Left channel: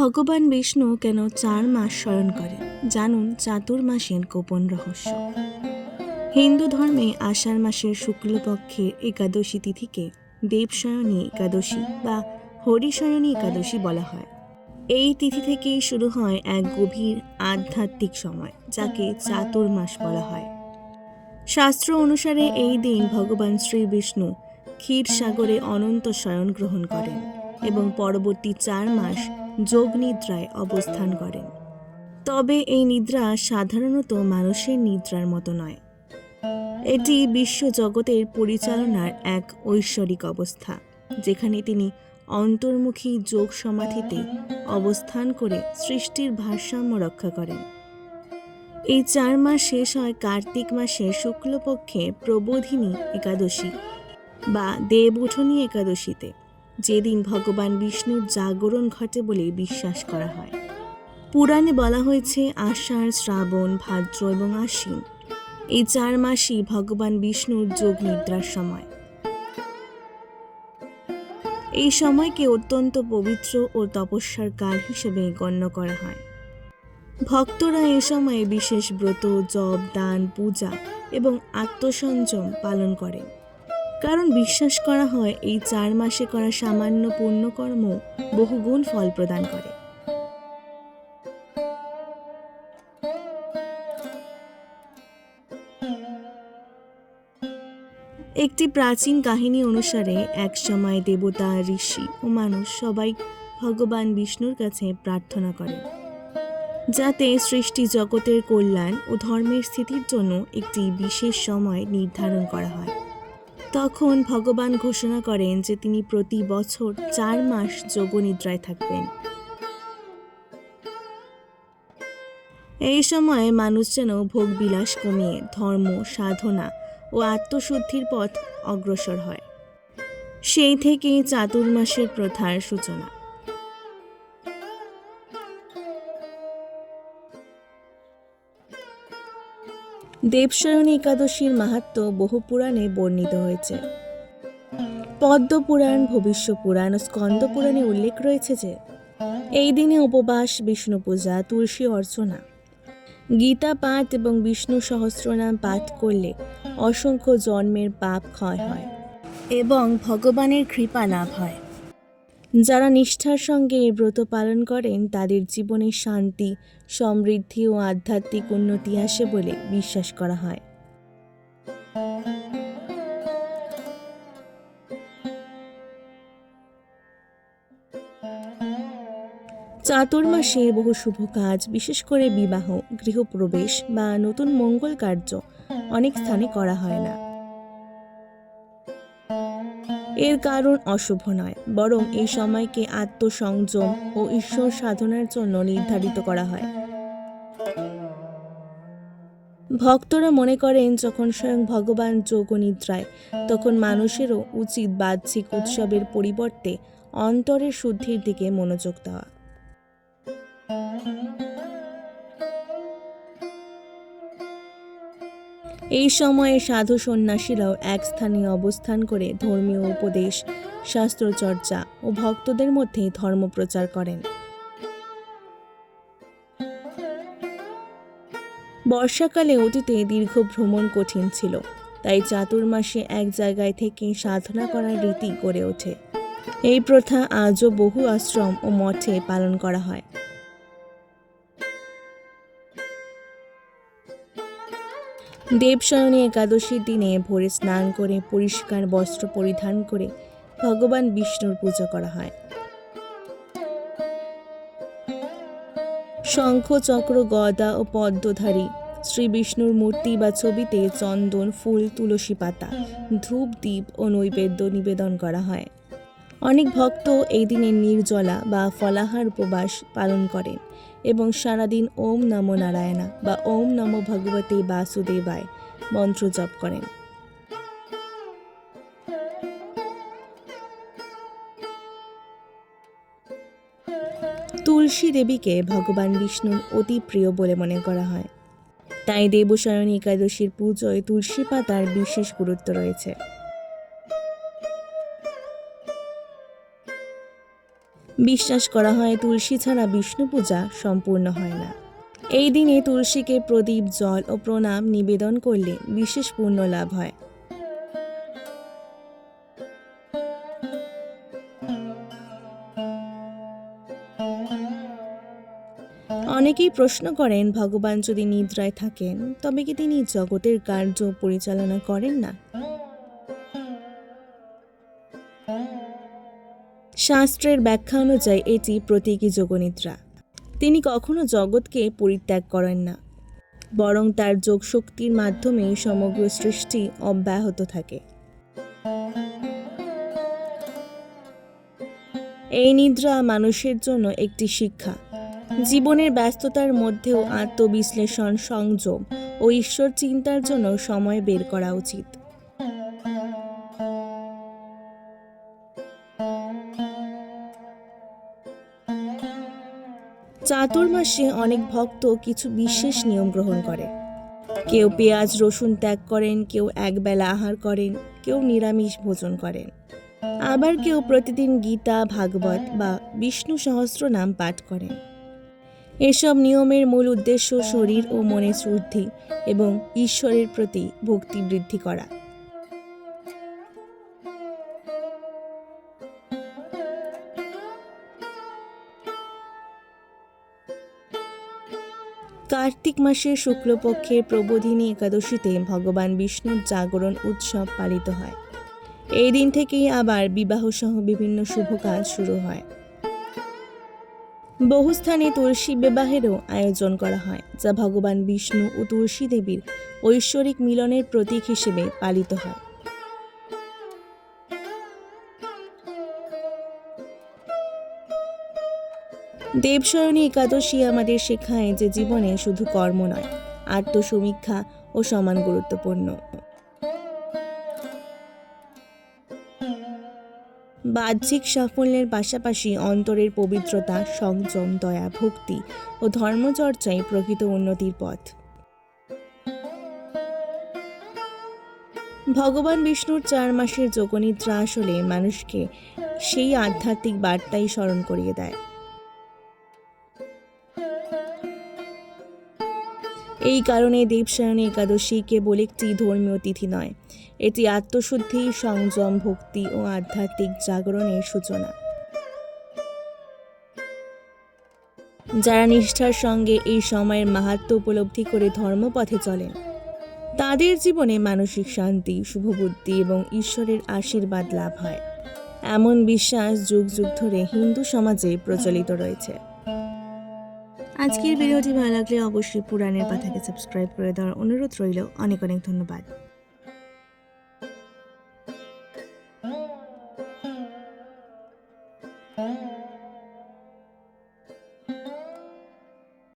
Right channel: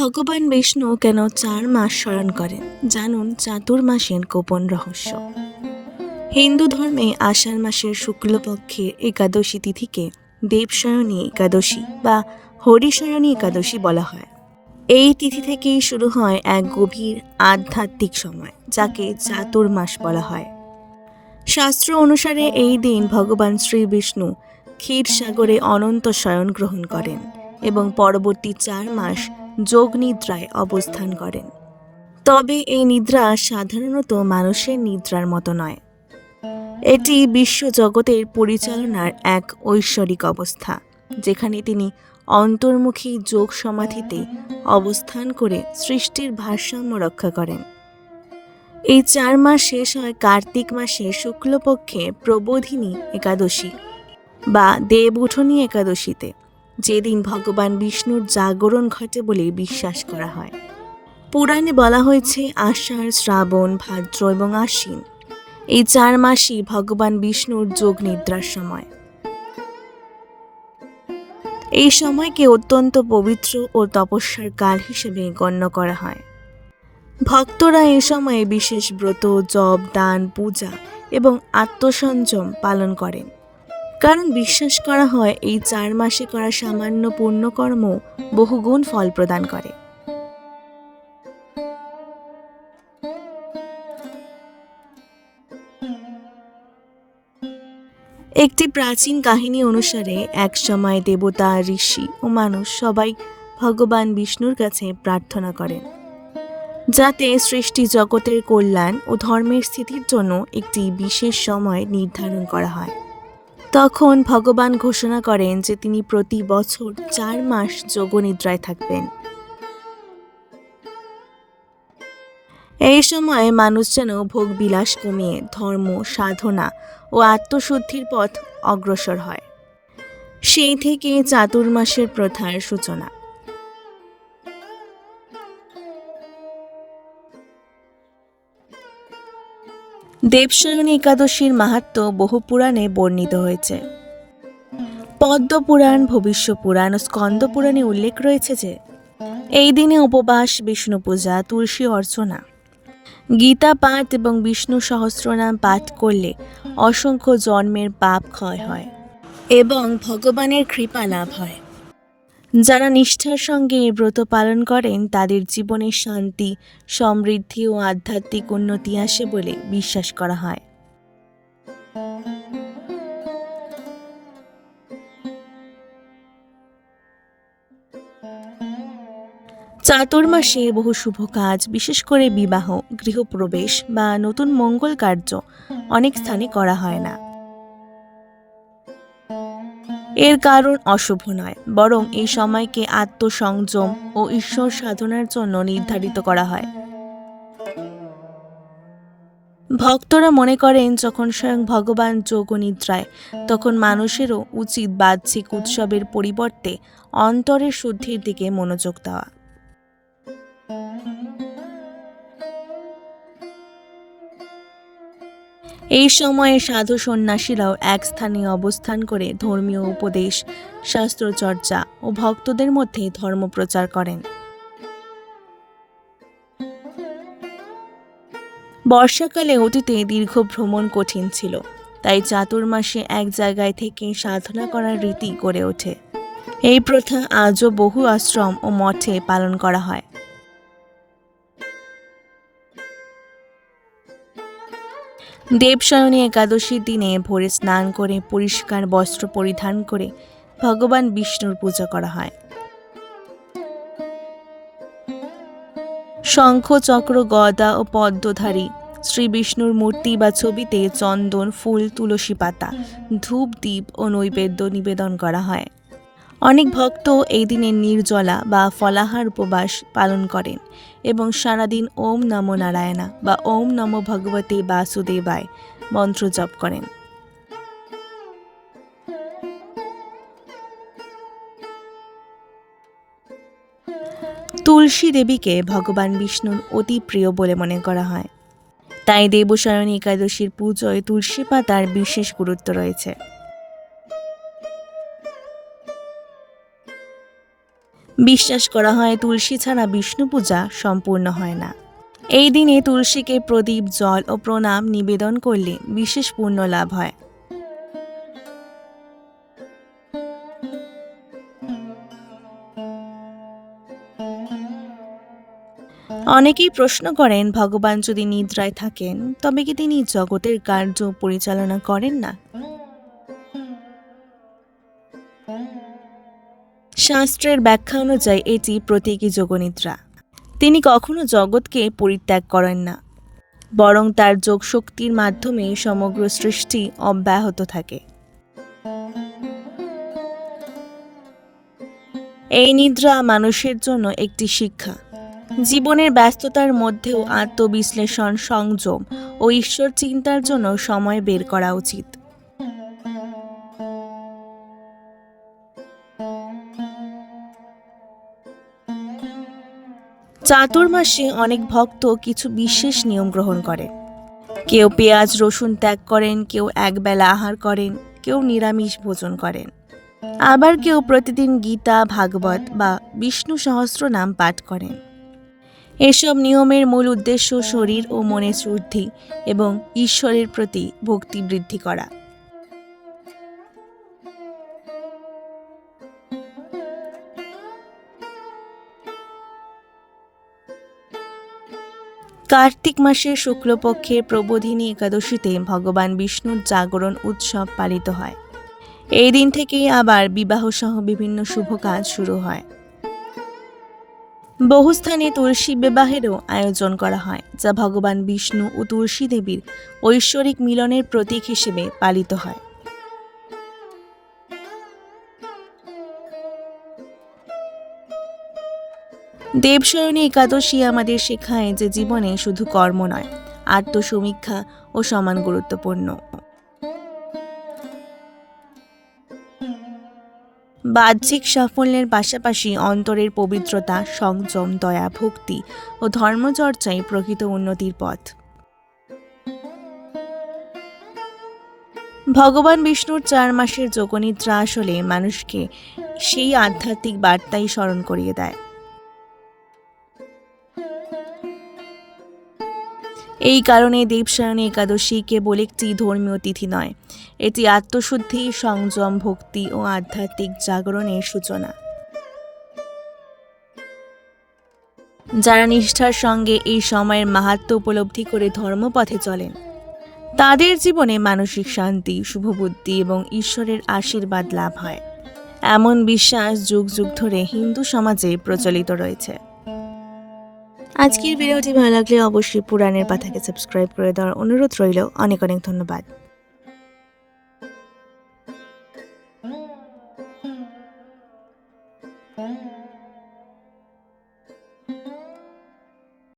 ভগবান বিষ্ণু কেন 4 মাস শয়ন করেন জানুন চাতুর্মাসের গোপন রহস্য। হিন্দু ধর্মে আষাঢ় মাসের শুক্লপক্ষের একাদশী তিথিকে দেবশয়নী একাদশী বা হরিশয়নী একাদশী বলা হয়। এই তিথি থেকেই শুরু হয় এক গভীর আধ্যাত্মিক সময়, যাকে চাতুর্মাস বলা হয়। শাস্ত্র অনুসারে এই দিন ভগবান শ্রী বিষ্ণু ক্ষীরসাগরে অনন্ত শয়ন গ্রহণ করেন এবং পরবর্তী 4 মাস যোগ নিদ্রায় অবস্থান করেন। তবে এই নিদ্রা সাধারণত মানুষের নিদ্রার মতো নয়। এটি বিশ্বজগতের পরিচালনার এক ঐশ্বরিক অবস্থা, যেখানে তিনি অন্তর্মুখী যোগ সমাধিতে অবস্থান করে সৃষ্টির ভারসাম্য রক্ষা করেন। এই 4 মাস শেষ হয় কার্তিক মাসের শুক্লপক্ষে প্রবোধিনী একাদশী বা দেবউঠনী একাদশীতে, যেদিন ভগবান বিষ্ণুর জাগরণ ঘটে বলে বিশ্বাস করা হয়। পুরাণে বলা হয়েছে আষাঢ়, শ্রাবণ, ভাদ্র এবং আশ্বিন এই 4 মাসই ভগবান বিষ্ণুর যোগ নিদ্রার সময়। এই সময়কে অত্যন্ত পবিত্র ও তপস্যার কাল হিসেবে গণ্য করা হয়। ভক্তরা এই সময়ে বিশেষ ব্রত, জপ, দান, পূজা এবং আত্মসংযম পালন করেন, কারণ বিশ্বাস করা হয় এই 4 মাসে করা সামান্য পুণ্যকর্ম বহুগুণ ফল প্রদান করে। একটি প্রাচীন কাহিনী অনুসারে এক সময় দেবতা, ঋষি ও মানুষ সবাই ভগবান বিষ্ণুর কাছে প্রার্থনা করেন যাতে সৃষ্টি জগতের কল্যাণ ও ধর্মের স্থিতির জন্য একটি বিশেষ সময় নির্ধারণ করা হয়। তখন ভগবান ঘোষণা করেন যে তিনি প্রতি বছর 4 মাস যোগনিদ্রায় থাকবেন। এই সময় মানুষ যেন ভোগ বিলাস কমিয়ে ধর্ম, সাধনা ও আত্মশুদ্ধির পথ অগ্রসর হয়। সেই থেকে চাতুর্মাসের প্রথার সূচনা। দেবশয়নী একাদশীর মাহাত্ম্য বহু পুরাণে বর্ণিত হয়েছে। পদ্ম পুরাণ, ভবিষ্য পুরাণ ও স্কন্দ পুরাণে উল্লেখ রয়েছে যে এই দিনে উপবাস, বিষ্ণু পূজা, তুলসী অর্চনা, গীতা পাঠ এবং বিষ্ণু সহস্রনাম পাঠ করলে অসংখ্য জন্মের পাপ ক্ষয় হয় এবং ভগবানের কৃপা লাভ হয়। যারা নিষ্ঠার সঙ্গে এই ব্রত পালন করেন তাদের জীবনে শান্তি, সমৃদ্ধি ও আধ্যাত্মিক উন্নতি আসে বলে বিশ্বাস করা হয়। চাতুর্মাসে বহু শুভ কাজ, বিশেষ করে বিবাহ, গৃহপ্রবেশ বা নতুন মঙ্গল কার্য অনেক স্থানে করা হয় না। এর কারণ অশুভ নয়, বরং এই সময়কে আত্মসংযম ও ঈশ্বর সাধনার জন্য নির্ধারিত করা হয়। ভক্তরা মনে করেন যখন স্বয়ং ভগবান যোগনিদ্রায়, তখন মানুষেরও উচিত বাহ্যিক উৎসবের পরিবর্তে অন্তরের শুদ্ধির দিকে মনোযোগ দেওয়া। এই সময়ে সাধু সন্ন্যাসীরাও এক স্থানে অবস্থান করে ধর্মীয় উপদেশ, শাস্ত্রচর্চা ও ভক্তদের মধ্যে ধর্ম প্রচার করেন। বর্ষাকালে অতীতে দীর্ঘ ভ্রমণ কঠিন ছিল, তাই চাতুর্মাসে এক জায়গায় থেকে সাধনা করার রীতি গড়ে ওঠে। এই প্রথা আজও বহু আশ্রম ও মঠে পালন করা হয়। দেবশয়নী একাদশীর দিনে ভোরে স্নান করে পরিষ্কার বস্ত্র পরিধান করে ভগবান বিষ্ণুর পূজা করা হয়। শঙ্খ, চক্র, গদা ও পদ্মধারী শ্রী বিষ্ণুর মূর্তি বা ছবিতে চন্দন, ফুল, তুলসী পাতা, ধূপ, দীপ ও নৈবেদ্য নিবেদন করা হয়। অনেক ভক্ত এই দিনে নির্জলা বা ফলাহার উপবাস পালন করেন এবং সারাদিন ওম নমো নারায়ণা বা ওম নমো ভগবতে বাসুদেবায় মন্ত্র জপ করেন। তুলসী দেবীকে ভগবান বিষ্ণুর অতি প্রিয় বলে মনে করা হয়, তাই দেবশয়নী একাদশীর পুজোয় তুলসী পাতার বিশেষ গুরুত্ব রয়েছে। বিশ্বাস করা হয় তুলসী ছাড়া বিষ্ণু পূজা সম্পূর্ণ হয় না। এই দিনে তুলসীকে প্রদীপ, জল ও প্রণাম নিবেদন করলে বিশেষ পুণ্য লাভ হয়। অনেকেই প্রশ্ন করেন, ভগবান যদি নিদ্রায় থাকেন তবে কি তিনি জগতের কার্য পরিচালনা করেন না? শাস্ত্রের ব্যাখ্যা অনুযায়ী এটি প্রতীকী যোগনিদ্রা। তিনি কখনো জগৎকে পরিত্যাগ করেন না, বরং তার যোগশক্তির মাধ্যমে সমগ্র সৃষ্টি অব্যাহত থাকে। এই নিদ্রা মানুষের জন্য একটি শিক্ষা। জীবনের ব্যস্ততার মধ্যেও আত্মবিশ্লেষণ, সংযম ও ঈশ্বর চিন্তার জন্য সময় বের করা উচিত। চাতুর্মাসে অনেক ভক্ত কিছু বিশেষ নিয়ম গ্রহণ করে। কেউ পেঁয়াজ রসুন ত্যাগ করেন, কেউ একবেলা আহার করেন, কেউ নিরামিষ ভোজন করেন। আবার কেউ প্রতিদিন গীতা, ভাগবত বা বিষ্ণু সহস্রনাম পাঠ করেন। এসব নিয়মের মূল উদ্দেশ্য শরীর ও মনের শুদ্ধি এবং ঈশ্বরের প্রতি ভক্তি বৃদ্ধি করা। কার্তিক মাসের শুক্লপক্ষের প্রবোধিনী একাদশীতে ভগবান বিষ্ণুর জাগরণ উৎসব পালিত হয়। এই দিন থেকেই আবার বিবাহসহ বিভিন্ন শুভ কাজ শুরু হয়। বহু স্থানে তুলসী বিবাহেরও আয়োজন করা হয়, যা ভগবান বিষ্ণু ও তুলসী দেবীর ঐশ্বরিক মিলনের প্রতীক হিসেবে পালিত হয়। দেবশয়নী একাদশী আমাদের শেখায় যে জীবনে শুধু কর্ম নয়, আত্মসমীক্ষা ও সমান গুরুত্বপূর্ণ। বাহ্যিক সাফল্যের পাশাপাশি অন্তরের পবিত্রতা, সংযম, দয়া, ভক্তি ও ধর্মচর্চাই প্রকৃত উন্নতির পথ। ভগবান বিষ্ণুর 4 মাসের যোগনিদ্রা আসলে মানুষকে সেই আধ্যাত্মিক বার্তাই স্মরণ করিয়ে দেয়। এই কারণে দেবশয়নী একাদশী কেবল একটি ধর্মীয় তিথি নয়, এটি আত্মশুদ্ধি, সংযম, ভক্তি ও আধ্যাত্মিক জাগরণের সূচনা। যারা নিষ্ঠার সঙ্গে এই সময়ের মাহাত্ম্য উপলব্ধি করে ধর্মপথে চলেন, তাদের জীবনে মানসিক শান্তি, শুভবুদ্ধি এবং ঈশ্বরের আশীর্বাদ লাভ হয়। এমন বিশ্বাস যুগ যুগ ধরে হিন্দু সমাজে প্রচলিত রয়েছে। আজকের ভিডিওটি ভালো লাগলে অবশ্যই পুরাণের পাতাকে সাবস্ক্রাইব করে দেওয়ার অনুরোধ রইল। অনেক অনেক ধন্যবাদ।